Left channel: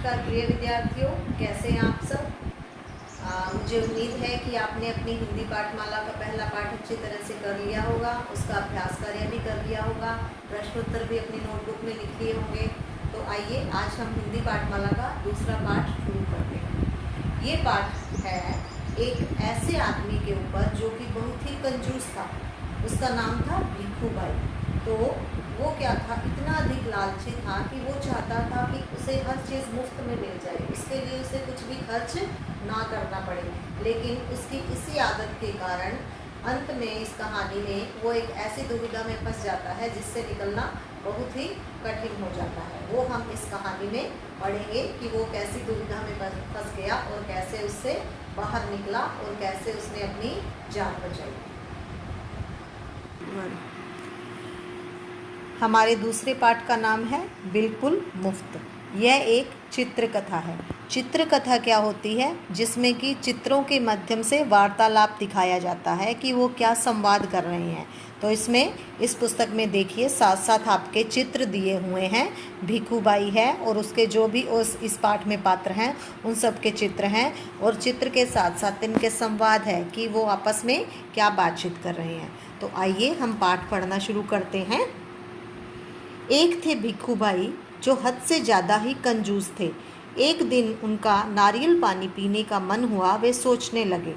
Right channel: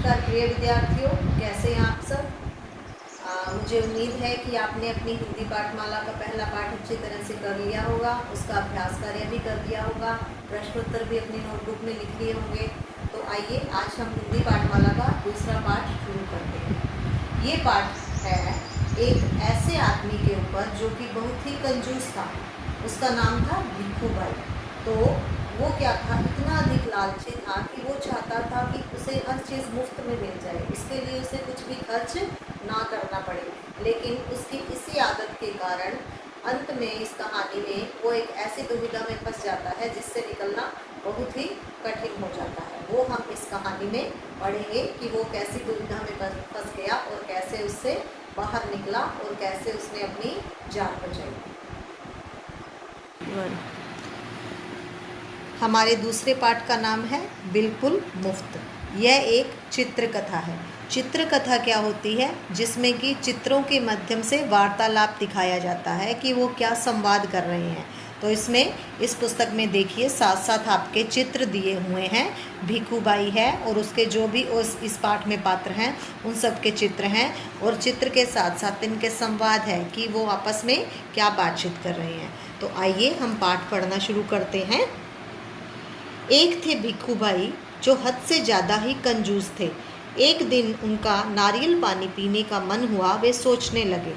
नमस्कार प्रिय विद्यार्थियों, कैसे हैं आप सब। मुझे उम्मीद है कि आपने अपनी हिंदी पाठमाला का पहला पाठ अच्छी तरह से कर लिया होगा, उसका अभ्यास कार्य भी कर लिया होगा, प्रश्नोत्तर भी अपनी नोटबुक में लिख लिए होंगे। तो आइए आज हम हिंदी पाठमाला का दूसरा पाठ शुरू करते हैं। ये पाठ है एक ऐसे आदमी के ऊपर जो कि बहुत ही कंजूस था। उसका नाम था भिक्खू भाई। तो वो क्या था, इतना अधिक लालची था कि वो चाहता था कि उसे हर चीज़ मुफ्त में मिल जाए, उसके लिए उसे कुछ भी खर्च ना करना पड़े। लेकिन उसकी इसी आदत के कारण अंत में इस कहानी में वो एक ऐसी दुविधा में फंस जाता है जिससे निकलना बहुत ही कठिन हो जाता है। वो हम इस कहानी में पढ़ेंगे कि वो कैसी दुविधा में फंस गया और कैसे उससे बाहर निकला और कैसे उसने अपनी जान बचाई। हमारे दूसरे पाठ का नाम है बिल्कुल मुफ्त। यह एक चित्रकथा है। चित्रकथा क्या होती है? जिसमें कि चित्रों के माध्यम से वार्तालाप दिखाया जाता है कि वो क्या संवाद कर रहे हैं। तो इसमें इस पुस्तक में देखिए साथ साथ आपके चित्र दिए हुए हैं। भिक्खू भाई है और उसके जो भी इस पाठ में पात्र हैं उन सब के चित्र हैं, और चित्र के साथ साथ इनके संवाद है कि वो आपस में क्या बातचीत कर रहे हैं। तो आइए हम पाठ पढ़ना शुरू करते हैं। एक थे भिक्खू भाई जो हद से ज़्यादा ही कंजूस थे। एक दिन उनका नारियल पानी पीने का मन हुआ। वे सोचने लगे,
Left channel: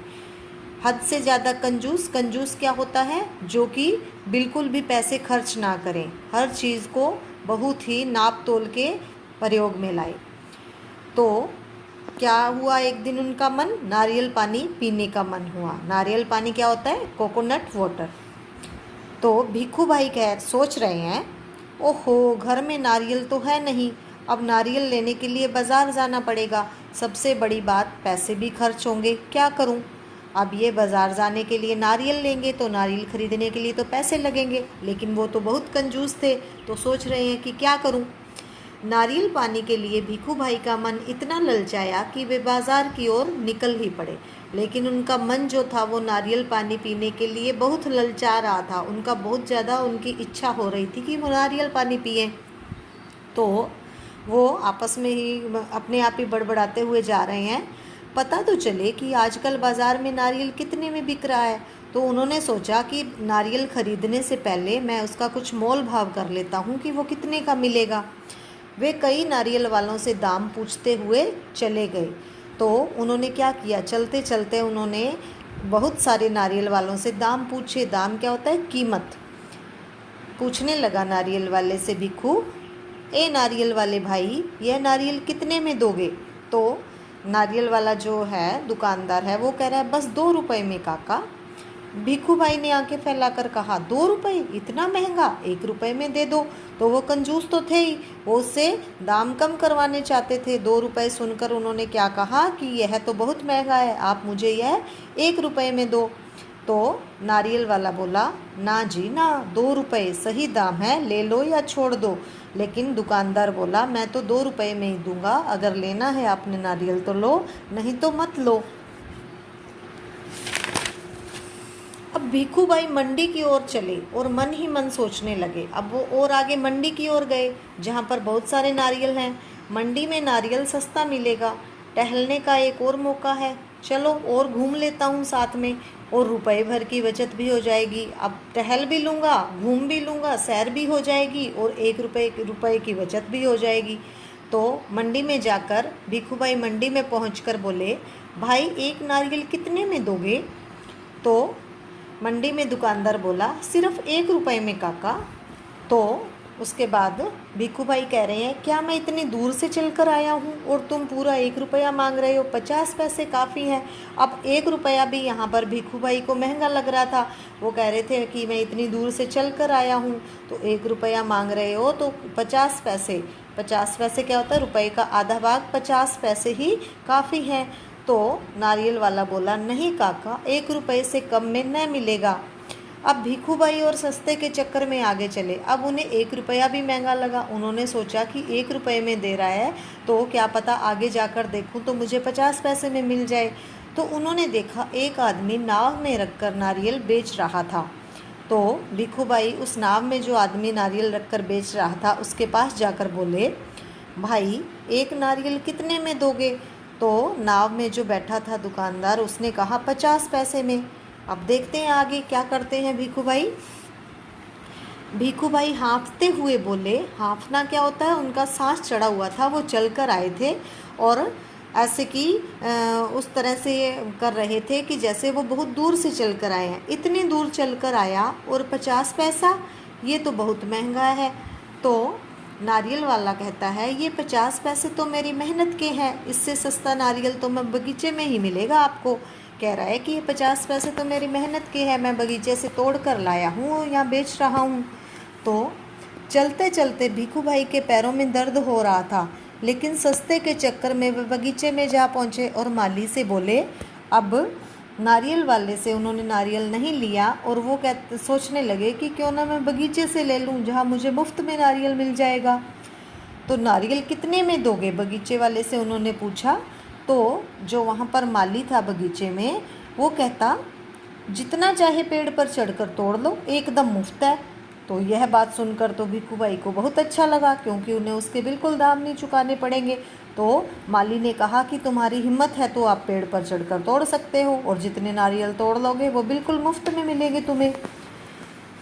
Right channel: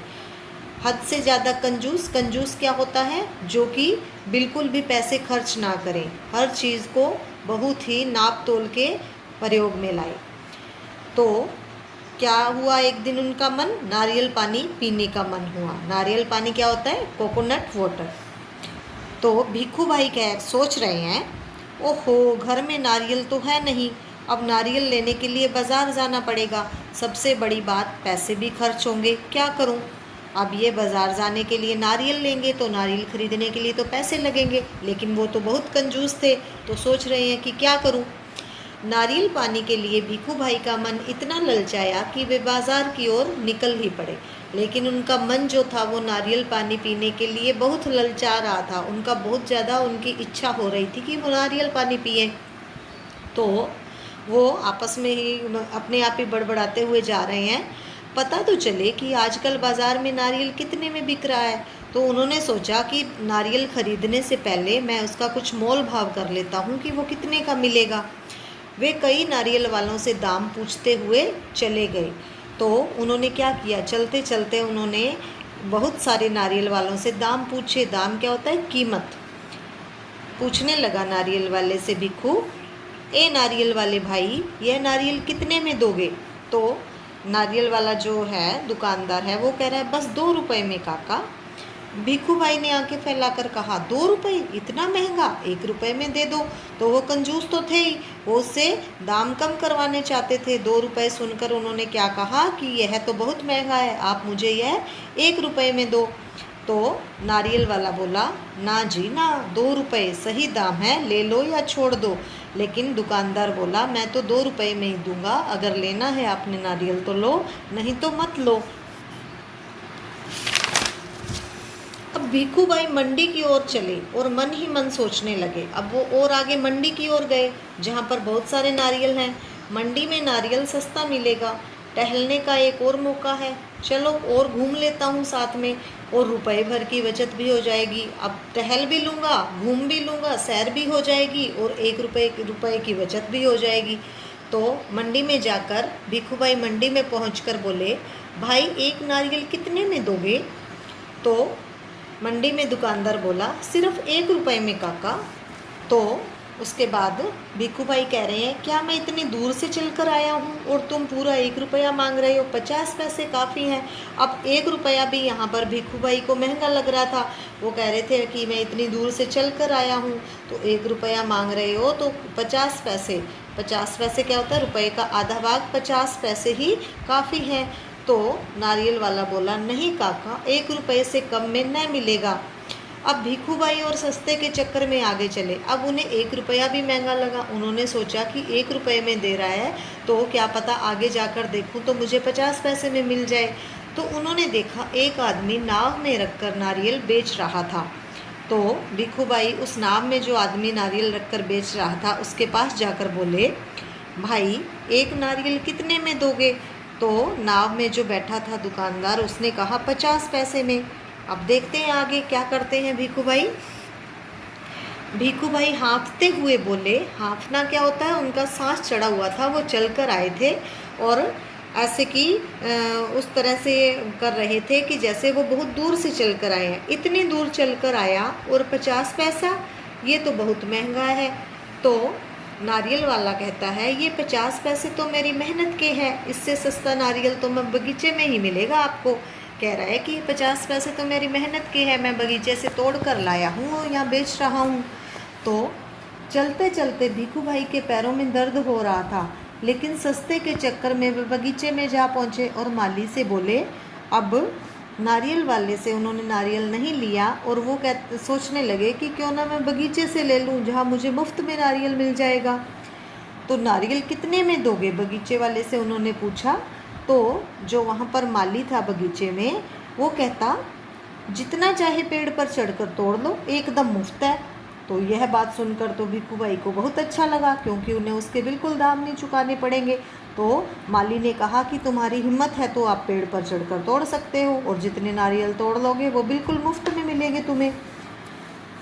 हद से ज़्यादा कंजूस, कंजूस क्या होता है? जो कि बिल्कुल भी पैसे खर्च ना करें, हर चीज़ को बहुत ही नाप तोल के प्रयोग में लाए। तो क्या हुआ, एक दिन उनका मन नारियल पानी पीने का मन हुआ। नारियल पानी क्या होता है? Coconut water. तो भिक्खू भाई क्या सोच रहे हैं, ओहो घर में नारियल तो है नहीं, अब नारियल लेने के लिए बाज़ार जाना पड़ेगा। सबसे बड़ी बात, पैसे भी खर्च होंगे, क्या करूं? अब ये बाज़ार जाने के लिए नारियल लेंगे तो नारियल खरीदने के लिए तो पैसे लगेंगे, लेकिन वो तो बहुत कंजूस थे। तो सोच रहे हैं कि क्या करूं। नारियल पानी के लिए भिक्खू भाई का मन इतना ललचाया कि वे बाज़ार की ओर निकल ही पड़े। लेकिन उनका मन जो था वो नारियल पानी पीने के लिए बहुत ललचा रहा था। उनका बहुत ज़्यादा उनकी इच्छा हो रही थी कि वो नारियल पानी पिए। तो वो आपस में ही अपने आप ही बड़बड़ाते हुए जा रहे हैं, पता तो चले कि आजकल बाज़ार में नारियल कितने में बिक रहा है। तो उन्होंने सोचा कि नारियल खरीदने से पहले मैं उसका कुछ मोल भाव कर लेता हूँ कि वो कितने का मिलेगा। वे कई नारियल वालों से दाम पूछते हुए चले गए। तो उन्होंने क्या किया, चलते चलते उन्होंने बहुत सारे नारियल वालों से दाम पूछे। दाम क्या होता है? कीमत। पूछने लगा नारियल वाले से भिक्खू, ए नारियल वाले भाई, यह नारियल कितने में दोगे? तो नारियल वाला जो है दुकानदार है वो कह रहा है, बस 2 रुपये में काका। भिक्खू भाई ने आंखें फैलाकर कहा, 2 रुपये? इतना महंगा, 1 रुपये में दे दो। तो वो कंजूस तो थे ही, वो उससे दाम कम करवाने चाहते थे। 2 रुपये सुनकर उन्होंने क्या कहा कि यह तो बहुत महंगा है, आप मुझे यह 1 रुपये में दो। तो नारियल वाला बोला, ना जी ना, 2 रुपये सही दाम है, ले लो या छोड़ दो। लेकिन दुकानदार बोला, मैं तो 2 रुपये में ही दूंगा, अगर लेना है आपने नारियल तो लो, नहीं तो मत लो। अब भिक्खू भाई मंडी की ओर चले और मन ही मन सोचने लगे। अब वो और आगे मंडी की ओर गए जहाँ पर बहुत सारे नारियल हैं। मंडी में नारियल सस्ता मिलेगा, टहलने का एक और मौका है, चलो और घूम लेता हूँ साथ में, और रुपए भर की बचत भी हो जाएगी। अब टहल भी लूँगा, घूम भी लूँगा, सैर भी हो जाएगी और 1 रुपये की बचत भी हो जाएगी। तो मंडी में जाकर भिक्खू भाई मंडी में पहुँचकर बोले, भाई एक नारियल कितने में दोगे? तो मंडी में दुकानदार बोला, सिर्फ 1 रुपये में काका। तो उसके बाद भिक्खू भाई कह रहे हैं, क्या मैं इतनी दूर से चलकर आया हूँ और तुम पूरा 1 रुपया मांग रहे हो? 50 पैसे काफ़ी हैं। अब 1 रुपया भी यहाँ पर भिक्खू भाई को महंगा लग रहा था। वो कह रहे थे कि मैं इतनी दूर से चल कर आया हूँ तो 1 रुपया मांग रहे हो, तो 50 पैसे, 50 पैसे क्या होता है? रुपये का आधा भाग 50 पैसे ही काफ़ी हैं। तो नारियल वाला बोला, नहीं काका, 1 रुपये से कम में नहीं मिलेगा। अब भिक्खू भाई और सस्ते के चक्कर में आगे चले। अब उन्हें 1 रुपया भी महंगा लगा। उन्होंने सोचा कि 1 रुपये में दे रहा है तो क्या पता आगे जाकर देखूं तो मुझे 50 पैसे में मिल जाए। तो उन्होंने देखा एक आदमी नाव में रखकर नारियल बेच रहा था। तो भिक्खू भाई उस नाव में जो आदमी नारियल रखकर बेच रहा था उसके पास जाकर बोले, भाई एक नारियल कितने में दोगे? तो नाव में जो बैठा था दुकानदार उसने कहा 50 पैसे में। अब देखते हैं आगे क्या करते हैं भीखू भाई। भीखू भाई हाँफते हुए बोले, हाँफना क्या होता है, उनका सांस चढ़ा हुआ था, वो चल कर आए थे और ऐसे कि उस तरह से कर रहे थे कि जैसे वो बहुत दूर से चल कर आए हैं। इतनी दूर चल कर आया और 50 पैसा, ये तो बहुत महंगा है। तो नारियल वाला कहता है, ये 50 पैसे तो मेरी मेहनत के हैं, इससे सस्ता नारियल तो मैं बगीचे में ही मिलेगा आपको। कह रहा है कि ये 50 पैसे तो मेरी मेहनत के हैं, मैं बगीचे से तोड़ कर लाया हूँ और यहाँ बेच रहा हूँ। तो चलते चलते भीखू भाई के पैरों में दर्द हो रहा था, लेकिन सस्ते के चक्कर में वे बगीचे में जा पहुँचे और माली से बोले। अब नारियल वाले से उन्होंने नारियल नहीं लिया और वो सोचने लगे कि क्यों ना मैं बगीचे से ले लूँ जहाँ मुझे मुफ्त में नारियल मिल जाएगा। तो नारियल कितने में दोगे, बगीचे वाले से उन्होंने पूछा। तो जो वहाँ पर माली था बगीचे में, वो कहता जितना चाहे पेड़ पर चढ़कर तोड़ लो, एकदम मुफ्त है। तो यह बात सुनकर तो भीखू भाई को बहुत अच्छा लगा, क्योंकि उन्हें उसके बिल्कुल दाम नहीं चुकाने पड़ेंगे। तो माली ने कहा कि तुम्हारी हिम्मत है तो आप पेड़ पर चढ़कर तोड़ सकते हो और जितने नारियल तोड़ लोगे वो बिल्कुल मुफ्त में मिलेंगे तुम्हें।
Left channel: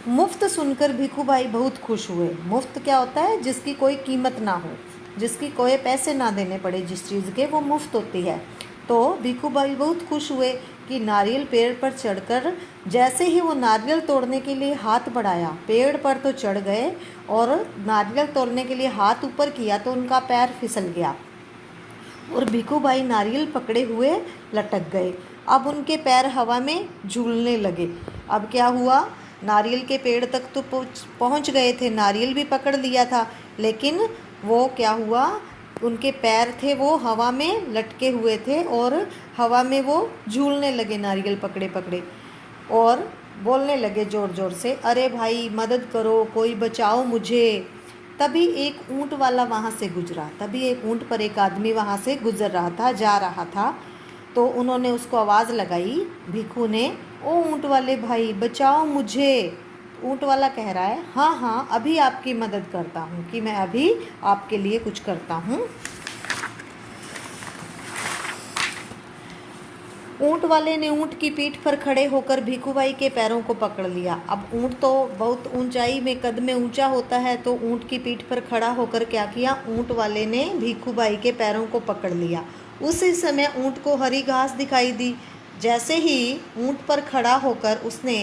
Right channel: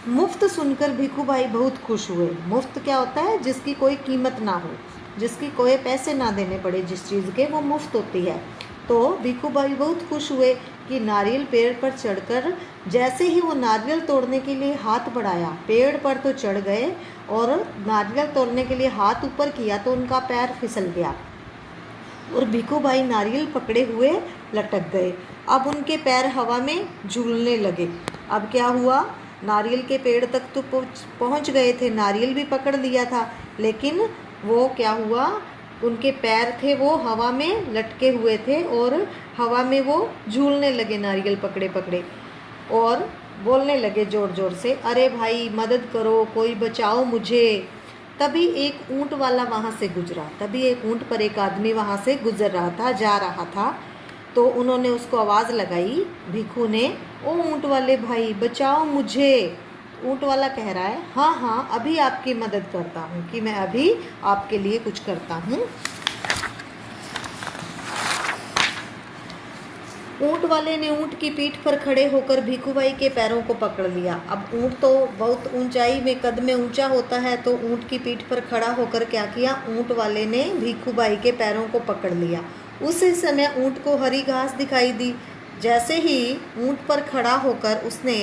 मुफ्त सुनकर भीखू भाई बहुत खुश हुए। मुफ्त क्या होता है, जिसकी कोई कीमत ना हो, जिसकी कोई पैसे ना देने पड़े, जिस चीज़ के, वो मुफ्त होती है। तो भीखू भाई बहुत खुश हुए कि नारियल पेड़ पर चढ़कर, जैसे ही वो नारियल तोड़ने के लिए हाथ बढ़ाया, पेड़ पर तो चढ़ गए और नारियल तोड़ने के लिए हाथ ऊपर किया तो उनका पैर फिसल गया और भीखू भाई नारियल पकड़े हुए लटक गए। अब उनके पैर हवा में झूलने लगे। अब क्या हुआ, नारियल के पेड़ तक तो पहुंच गए थे, नारियल भी पकड़ लिया था, लेकिन वो क्या हुआ, उनके पैर थे वो हवा में लटके हुए थे और हवा में वो झूलने लगे नारियल पकड़े पकड़े और बोलने लगे ज़ोर ज़ोर से, अरे भाई मदद करो, कोई बचाओ मुझे। तभी एक ऊंट वाला वहाँ से गुजरा। तभी एक ऊंट पर एक आदमी वहाँ से गुजर रहा था, जा रहा था। तो उन्होंने उसको आवाज़ लगाई, भीखू ने, ओ ऊंट वाले भाई बचाओ मुझे। ऊंट वाला कह रहा है, हाँ हाँ अभी आपकी मदद करता हूँ, कि मैं अभी आपके लिए कुछ करता हूँ। ऊंट वाले ने ऊंट की पीठ पर खड़े होकर भीखू भाई के पैरों को पकड़ लिया। अब ऊंट तो बहुत ऊंचाई में, कद में ऊंचा होता है, तो ऊंट की पीठ पर खड़ा होकर क्या किया, ऊंट वाले ने भीखू भाई के पैरों को पकड़ लिया। उसी समय ऊंट को हरी घास दिखाई दी। जैसे ही ऊंट पर खड़ा होकर उसने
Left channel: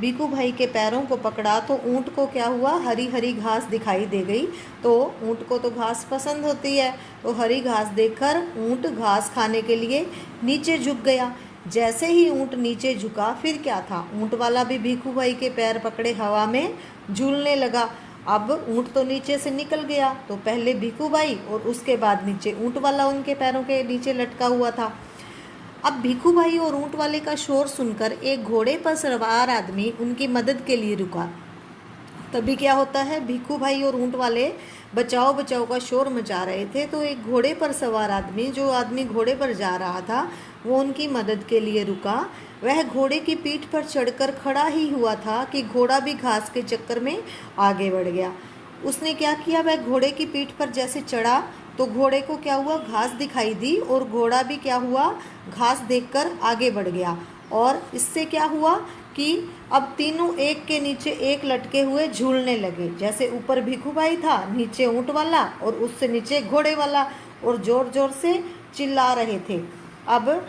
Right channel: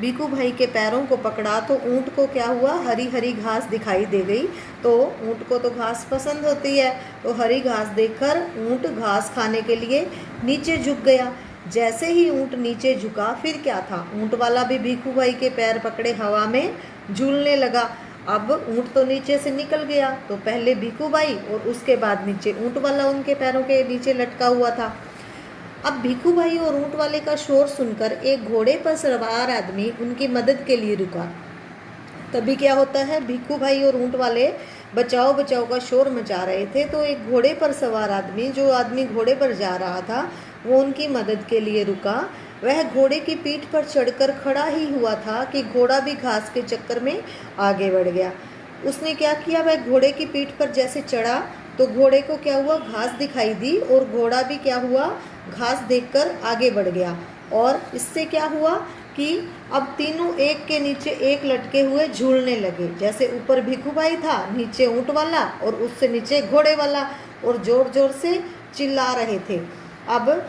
भीखू भाई के पैरों को पकड़ा तो ऊंट को क्या हुआ, हरी हरी घास दिखाई दे गई। तो ऊंट को तो घास पसंद होती है, तो हरी घास देखकर ऊंट घास खाने के लिए नीचे झुक गया। जैसे ही ऊंट नीचे झुका, फिर क्या था, ऊंट वाला भी भीखू भाई के पैर पकड़े हवा में झूलने लगा। अब ऊंट तो नीचे से निकल गया, तो पहले भीखू भाई और उसके बाद नीचे ऊंट वाला उनके पैरों के नीचे लटका हुआ था। अब भीखू भाई और ऊंट वाले का शोर सुनकर एक घोड़े पर सवार आदमी उनकी मदद के लिए रुका। तभी क्या होता है, भीखू भाई और ऊंट वाले बचाओ बचाओ का शोर मचा रहे थे, तो एक घोड़े पर सवार आदमी, जो आदमी घोड़े पर जा रहा था, वो उनकी मदद के लिए रुका। वह घोड़े की पीठ पर चढ़कर खड़ा ही हुआ था कि घोड़ा भी घास के चक्कर में आगे बढ़ गया। उसने क्या किया, वह घोड़े की पीठ पर जैसे चढ़ा तो घोड़े को क्या हुआ, घास दिखाई दी और घोड़ा भी क्या हुआ, घास देखकर आगे बढ़ गया। और इससे क्या हुआ कि अब तीनों एक के नीचे एक लटके हुए झूलने लगे। जैसे ऊपर भीखू भाई था, नीचे ऊंट वाला और उससे नीचे घोड़े वाला, और जोर जोर से चिल्ला रहे थे। अब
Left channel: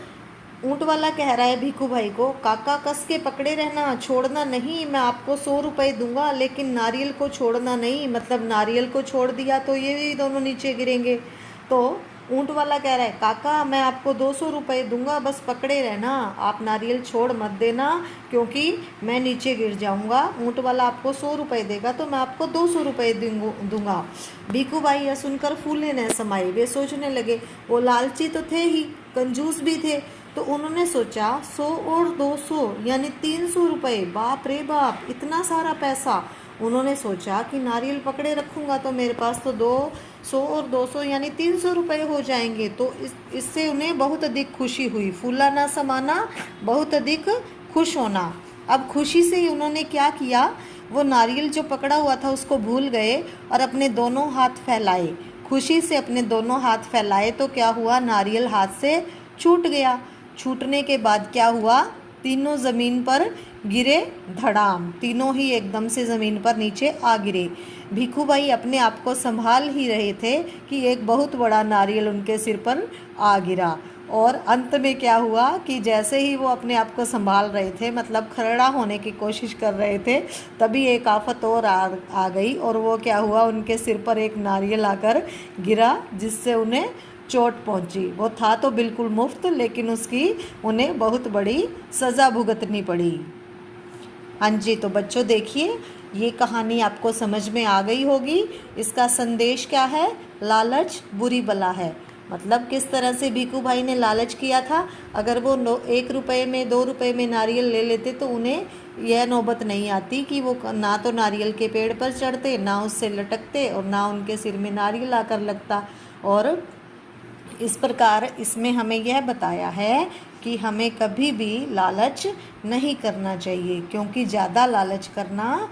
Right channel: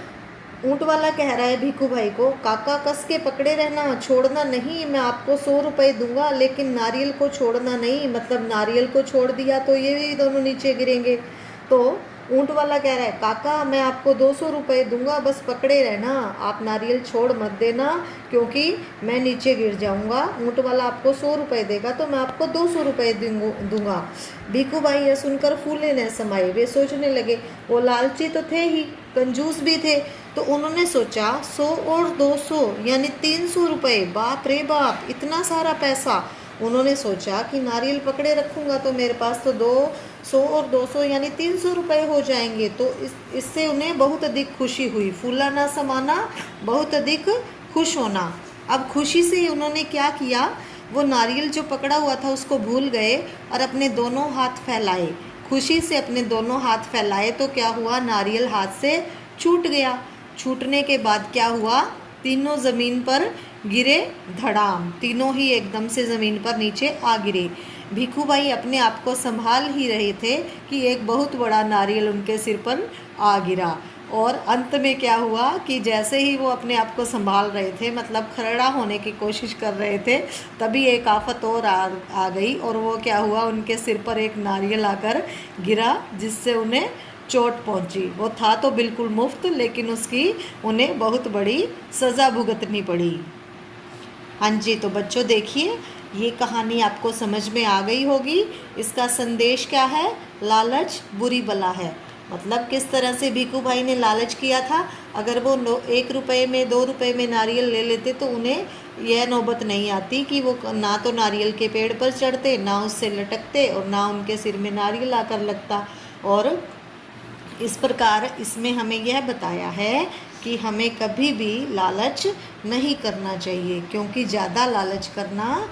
ऊंट वाला कह रहा है भीखू भाई को, काका कस के पकड़े रहना, छोड़ना नहीं, मैं आपको 100 रुपये दूंगा, लेकिन नारियल को छोड़ना नहीं, मतलब नारियल को छोड़ दिया तो ये भी दोनों नीचे गिरेंगे। तो ऊंट वाला कह रहा है, काका मैं आपको 200 रुपये दूंगा, बस पकड़े रहना, आप नारियल छोड़ मत देना, क्योंकि मैं नीचे गिर जाऊंगा। ऊंट वाला आपको 100 रुपये देगा तो मैं आपको 200 रुपये दूंगा। भीखू भाई यह सुनकर फूले न समाये। वे सोचने लगे, वो लालची तो थे ही, कंजूस भी थे, तो उन्होंने सोचा 100 और 200 यानी 300 रुपये, बाप रे बाप, इतना सारा पैसा। उन्होंने सोचा कि नारियल पकड़े रखूंगा तो मेरे पास तो 200 और 200 यानी 300 रुपये हो जाएंगे। तो इससे उन्हें बहुत अधिक खुशी हुई। फूला ना समाना, बहुत अधिक खुश होना। अब खुशी से ही उन्होंने क्या किया, वो नारियल जो पकड़ा हुआ था उसको भूल गए और अपने दोनों हाथ फैलाए, खुशी से अपने दोनों हाथ फैलाए तो क्या हुआ, नारियल हाथ से छूट गया। छूटने के बाद क्या हुआ, तीनों ज़मीन पर गिरे धड़ाम, तीनों ही एकदम से ज़मीन पर नीचे आ गिरे। भिखू भाई अपने आप को संभाल ही रहे थे कि एक बहुत बड़ा नारियल उनके सिर पर आ गिरा। और अंत में क्या हुआ कि जैसे ही वो अपने आप को संभाल रहे थे, मतलब खड़ा होने की कोशिश कर रहे थे, तभी एक आफत और आ गई। और वो क्या हुआ, उनके सिर पर एक नारियल आकर गिरा जिससे उन्हें चोट पहुंची। वो था तो बिल्कुल मुफ्त, लेकिन उसकी उन्हें बहुत बड़ी सज़ा भुगतनी पड़ी। हाँ जी, तो बच्चों देखिए, ये कहानी आपको समझ में आ गई होगी। इसका संदेश क्या है, लालच बुरी बला है। मतलब किस तरह से भिखू भाई ने लालच किया था। अगर वो 1 रुपये में 2 रुपये में नारियल ले लेते तो उन्हें यह नौबत नहीं आती कि वो ना तो नारियल के पेड़ पर चढ़ते, ना उससे लटकते, और ना उनके सिर में नारियल आकर लगता। और इस प्रकार इसमें हमें यह बताया है कि हमें कभी भी लालच नहीं करना चाहिए, क्योंकि ज़्यादा लालच करना